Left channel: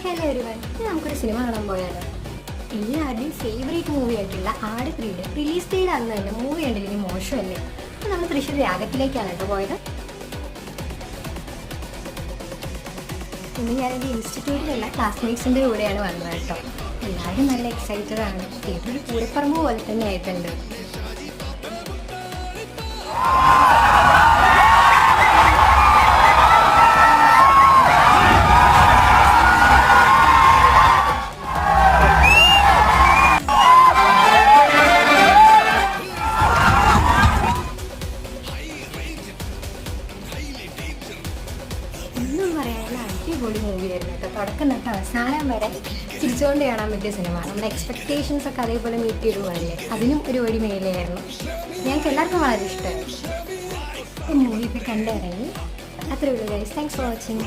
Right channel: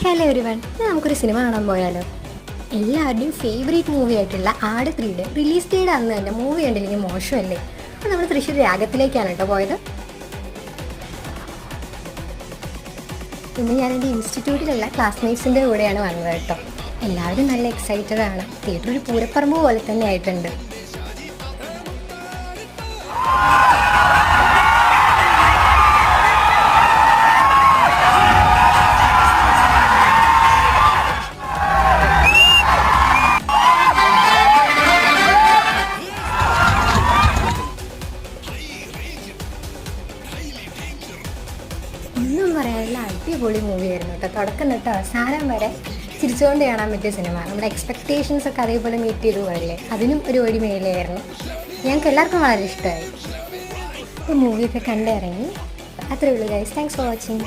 Hello everyone, നമുക്കൊരു cinema കാണാൻ പോയാലോ? എല്ലാവരുടെയും ഫേവറേറ്റ് മൂവി ആയിട്ടുള്ള ആട് 3യുടെ റിലീസ് ഡേയുടെ അന്ന് തന്നെ മൂവി കണ്ടിരിക്കും മോശമല്ലേ? അപ്പോൾ നമ്മൾ തൃശ്ശൂർ രാഗത്തിലേക്കാണ് കേട്ടോ പോയത്. ഇന്ന് ഞാൻ എൻ്റെ ഇൻസ്റ്റിറ്റ്യൂട്ടിലുള്ള ക്ലാസ്മേറ്റ്സിൻ്റെ കൂടെയാണ് വന്നത് കേട്ടോ. എല്ലാവരും നല്ല എക്സൈറ്റഡ് ആണ്. തിയേറ്റർ ഒരു പൂരപ്പറമ്പ് പോലെ തന്നെ ആയിട്ടുണ്ട്. ഒന്നും പറയാനുള്ള അടിപൊളി മൂവിയായിരുന്നു കേട്ടോ. തുടക്കം തൊട്ട് അവസാനം വരെ ചിരിച്ചുകൊണ്ട് കാണാൻ പറ്റിയ സിനിമ. നമ്മുടെ എക്സ്പെക്റ്റേഷൻസ് ഒക്കെ അതേപോലെ മീറ്റ് ചെയ്ത് പോയല്ലേ, അതിനും ഒരു വഴി മേലെയായിരുന്നു. ഞങ്ങൾക്ക് എല്ലാവർക്കും വളരെ ഇഷ്ടമായി. ഈ മൂവിയൊക്കെ കണ്ടിറങ്ങി. അത്രേ ഉള്ളൂ ഗൈസ്. Thanks for watching.